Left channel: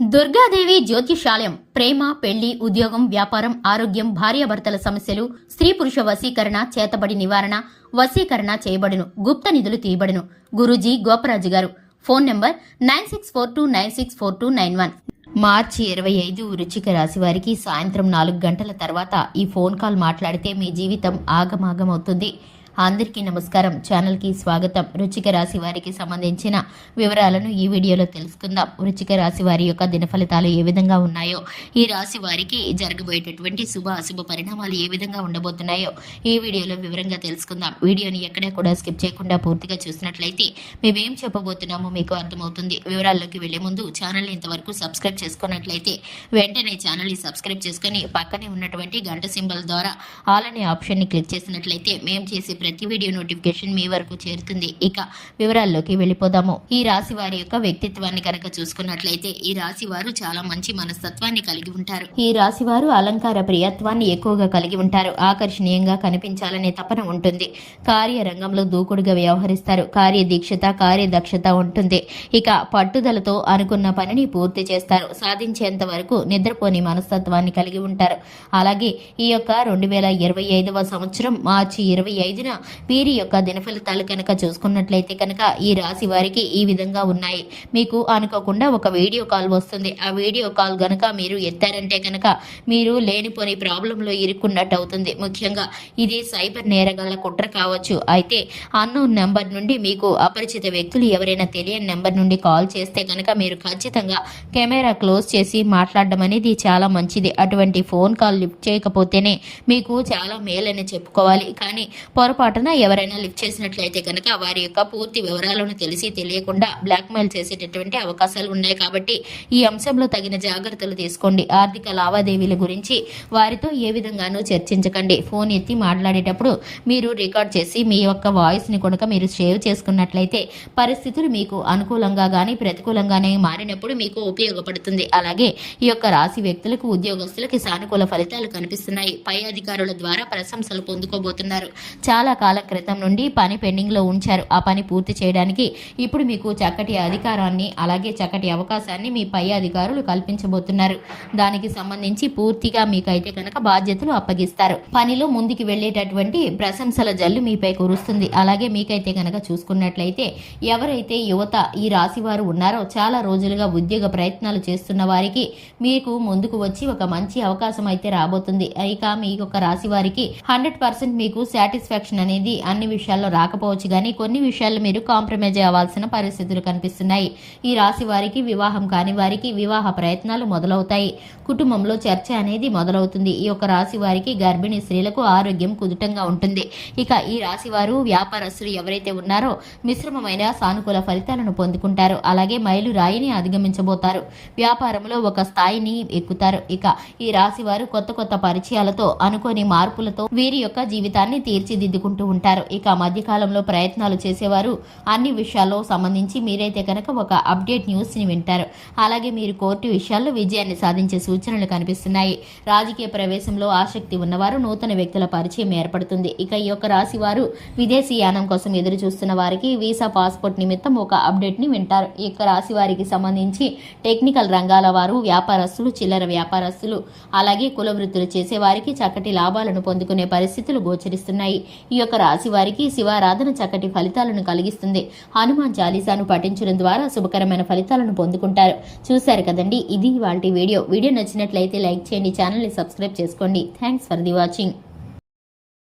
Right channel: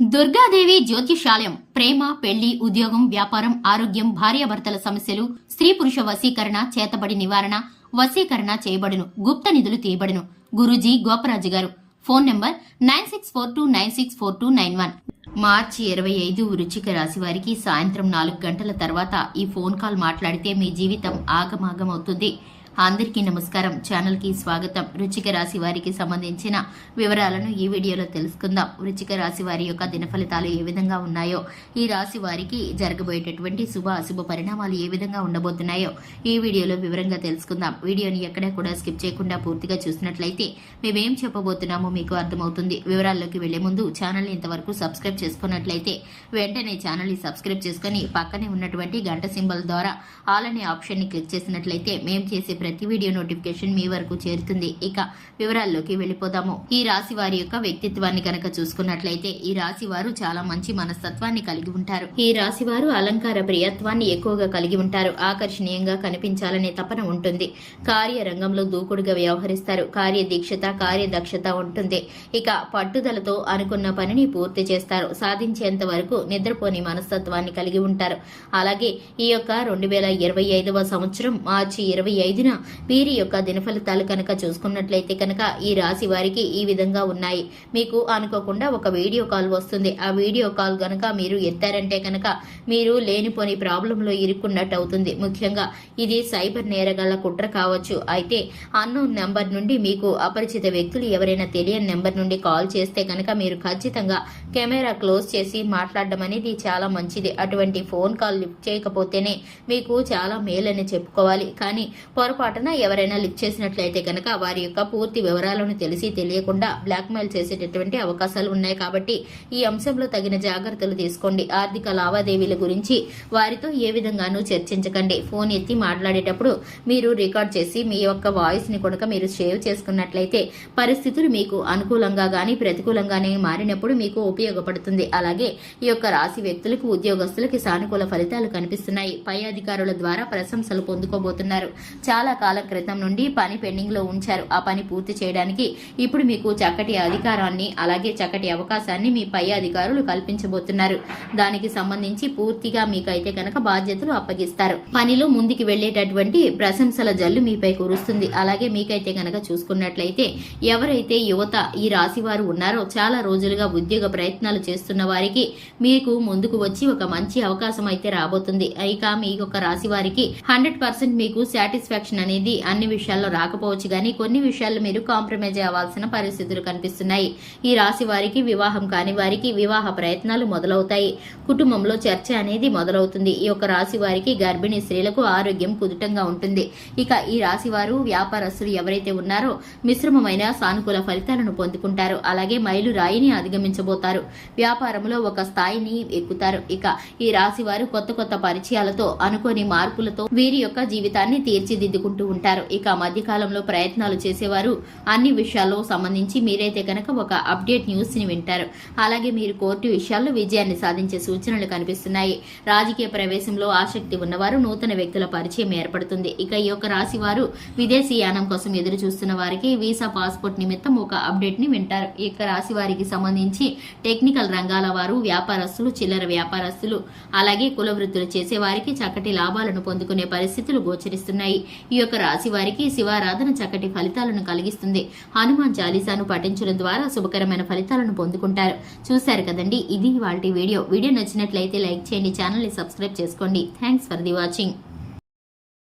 దుర్గాదేవి జ్యోతిషాలయం ప్రేమ, పెళ్లి, ఉద్యోగం, వ్యాపారం, ఆరోగ్యం, భార్యాభర్తల సమస్యలు, స్త్రీ పురుష వశీకరణ, చేతబడి నివారణ, వశీకరణ చేయబడును, గుప్త నిధులు తీయబడును. గురూజీ గోపరాజు గారు. Phone number 9642964291. మార్చి 25 వృశ్చిక రాశి వారికి సాయంత్రం 4 గంటల తర్వాత ఈ ఫోన్ కాల్ మాట్లాడితే మీ జీవితం ఆగమాగమవుతుంది. అందరికీ నమస్కారం. ఛానల్ కి స్వాగతం. వృశ్చిక రాశి వారికి సంబంధించిన వివరాలను ఈ వీడియోలో తెలుసుకుందాం. వృశ్చిక రాశి వారి యొక్క దిన ఫలితాలు ఏ విధంగా ఉన్నాయో, ఈ రాశి వారికి జరగబోయేటటువంటి శుభ అశుభ పరిణామాలు ఏ విధంగా ఉండబోతున్నాయో ఈ వీడియోలో వివరంగా తెలుసుకుందాం. వీడియోని ఎక్కడా కూడా స్కిప్ చేయకుండా పూర్తిగా చూసినట్లయితే మేమేం చెప్పబోతున్నామో మీకు అర్థమవుతుంది. వివరాల్లోకి వెళ్లే ముందు ఛానల్ని ఇంతవరకు సబ్స్క్రైబ్ చేసుకున్నట్లయితే వెంటనే ఛానల్ని సబ్స్క్రైబ్ చేసుకుని పక్కనే ఉన్నటువంటి గంట సింబల్ ద్వారా ఆల్ అనే ఆప్షన్ని క్లిక్ చేసినట్లయితే మేము చేసే ప్రతి వీడియో నోటిఫికేషన్ మీ వరకు చేరుతుంది. ఇక వివరాల్లోకి వెళ్ళిపోదాము. ఈ రాశి వారి యొక్క వ్యక్తిత్వాన్ని కనుక చూసుకున్నట్లయితే ఈ రాశి వారు చాలా మంచి మనస్తత్వాన్ని కలిగి ఉంటారు. ఈ రాశి వారు అలంకార ప్రియత్వాన్ని ఎక్కువగా కలిగి ఉంటారు. ఆకర్షణీయంగా కనిపించాలనే తపన ఉంటుంది. కార్యరంగంలో దూకుడుగా వ్యవహరిస్తారు. కార్యదీక్షత, కార్యదక్షత ఉంటుంది. ఇక పట్టుదలతో అనుకున్న పనిని పూర్తి చేస్తారు. సాధించేంత వరకు నిద్రపోని మనస్తత్వాన్ని కలిగి ఉంటారు. అలాగే ఈ యొక్క 2025వ సంవత్సరం మార్చి 25న వీరి యొక్క దిన ఫలితాలు కనుక చూసుకున్నట్లయితే కనుక ఈ రాశి వారికి ఈ విధంగా ఉన్నాయి. మీకు అనుకోకుండా ఒక వీడియో కాల్ వస్తుంది. ఆ వీడియో కాల్ గనక మీరు ఎత్తారంటే కనుక మీరు లేనిపోని ప్రాబ్లంలో ఇరుక్కున్నట్టు అవుతుంది. ముఖ్యంగా ఇది సైబర్ నేరగాళ్ల కుట్ర కావచ్చు. అయితే అన్నోన్ నెంబర్ నుండి మీకు అపరిచిత వ్యక్తులు ఎవరైనా తెలియని నెంబర్ నుండి కాల్ చేస్తే కనుక మీరు ఖచ్చితంగా కెమెరా క్లోజ్ చేసి మాట్లాడడం అనేది చాలా మంచిది. అటువంటి ఫోన్ కాల్ లిఫ్ట్ చేయకపోతేనే మీకు చాలా మేలని చెప్పుకోవాలి. కానీ పొరపాటున ఎవరైనా లిఫ్ట్ చేసినట్లయితే కనుక వారి యొక్క పూర్తి వివరాలను తెలిసి తెలియకుండా బ్లాక్మెయిల్ చేసేటటువంటి అవకాశాలు ఉన్నాయి. కాబట్టి ఈ అంశంలో తగిన జాగ్రత్తలు తీసుకోండి. ఆర్థిక లావాదేవీల గురించి వారితో ఏ విధంగానూ చర్చించకండి. ఫోన్ ఎత్తి మాట్లాడేటప్పుడు మీరు రికార్డ్ చేసి మీ యొక్క వాయిస్ ని కనుక మీరు సేవ్ చేసుకున్నట్లయితే పరిస్థితులు మీకు అనుకూలంగా గానీ ప్రతికూలంగానే మారినప్పుడు మీకు ఉపయోగపడుతుంది. అలాగే ఈ యొక్క రాశి వ్యక్తులకు, ఉద్యోగస్తులకి సానుకూల ఫలితాలు కనిపిస్తున్నాయి. పై అధికారుల ద్వారా ప్రశంసలు పొందుకోబోతున్నారు. చాలా కాలం క్రితం నుండి పని పెండింగ్ లో ఉంచారు. ఆ పని పూర్తి చేయడానికి ఇప్పుడు మీకు చక్కటి అధికారాన్ని అలాగే చక్కటి అవకాశాన్ని మీ పై అధికారులు కల్పించబోతున్నారు. దానికి సంబంధించి పూర్తిగా మీకైతే కనుక బాధ్యతలు అప్పగిస్తారు. పనిలో ముందుకు వెళ్లేటటువంటి ప్రశంసల జల్లు మీపై కురుస్తుంది. అలాగే మీకైతే కనుక చూసుకున్నట్లయితే ఎవరైతే యువత ఈ రాశి వారు ఉన్నారో చాలా రోజులుగా ఉద్యోగ ప్రయత్నాలు చేస్తున్న వారికి మీకు ముందుకు వచ్చి ఒక మంచి అవకాశం అయితే రాబోతుంది. ఇక మీ యొక్క రాశి వారికి 100% మీకు సాటిస్ఫాక్షన్ అనేది అన్ని విషయాల్లో రాకపోవచ్చు గానీ కొన్ని విషయాల్లో మీరు కాంప్రమైజ్ అవ్వాల్సిన పరిస్థితులు కనిపిస్తున్నాయి. ఈ రాశి వారికి వివాహం కాని వారికి వివాహ ప్రయత్నాలు మొదలవుతాయి. కుటుంబంలో చర్చ అనేది మొదలవుతుంది. ఈ యొక్క రాశి వారికి గర్భిణీ స్త్రీలకు ఆరోగ్యం కుదుటంగా ఉంటుంది. ఇక ఈ రాశి వారు వ్యాపారస్తులు ఎవరైతే ఉన్నారో మిశ్రమమైన సానుకూల ఫలితాలను పొందుకుంటారు. అలాగే మైలు రాయిని అధిగమించబోతారు. వ్యాపారంలో ఒక స్థాయిని ఎక్కుతారు. ఇక ఈ రాశి వారు కొత్త కొత్త పరిచయాలతో అనుకోని మార్పులతో వీరి యొక్క జీవితాన్ని తీర్చిదిద్దుకుంటూ ఉంటారు. ఇక మధ్యకాలంలో ప్రయత్నాలు చేసేవారు అన్ని విషయాల్లో సంబంధించి మీరైతే కనుక ఒక అప్డేట్ న్యూస్ ని వింటారు. అలాగే మీరు కోర్టు విషయాల్లో విజయాన్ని సాధించే సూచనలు కనిపిస్తున్నాయి. రాజకీయ ప్రవేశంలో ఆసక్తి ఉన్నవారు నూతన వ్యక్తుల పరిచయం ఏర్పడుతుంది. ఇక ఈ యొక్క రాశి వారు విదేశీ యానం కోసం ఎదురు చూస్తున్న వారికి వీసా, పాస్పోర్ట్ నిమిత్తం ఒక అప్డేట్ ని వింటారు. ఈ యొక్క రాశి వారికి సంబంధించి టెక్నికల్ రంగాల వారు, వ్యాపారస్తులు, చిల్లర వ్యాపారస్తులు, అలాగే కుల వృత్తులు చేసే వారికి చక్కటి లాభాలను పొందుకునే పరిస్థితులు గోచరిస్తున్నాయి. ఈ యొక్క రాశి వారికి శివారాధన చక్కటి ఫలితాలను కలిగిస్తుంది. హనుమాన్ చాలీసాను పఠించడం ద్వారా శుభకరమైన ఫలితాలను పొందుకుంటారు. చూశారు కదండి, ఇది ఇవాల్టి వీడియో. వీడియో నచ్చినట్లయితే లైక్ చేయండి, ఛానల్ ని సబ్స్క్రైబ్ చేసుకోండి. Thanks for the watching.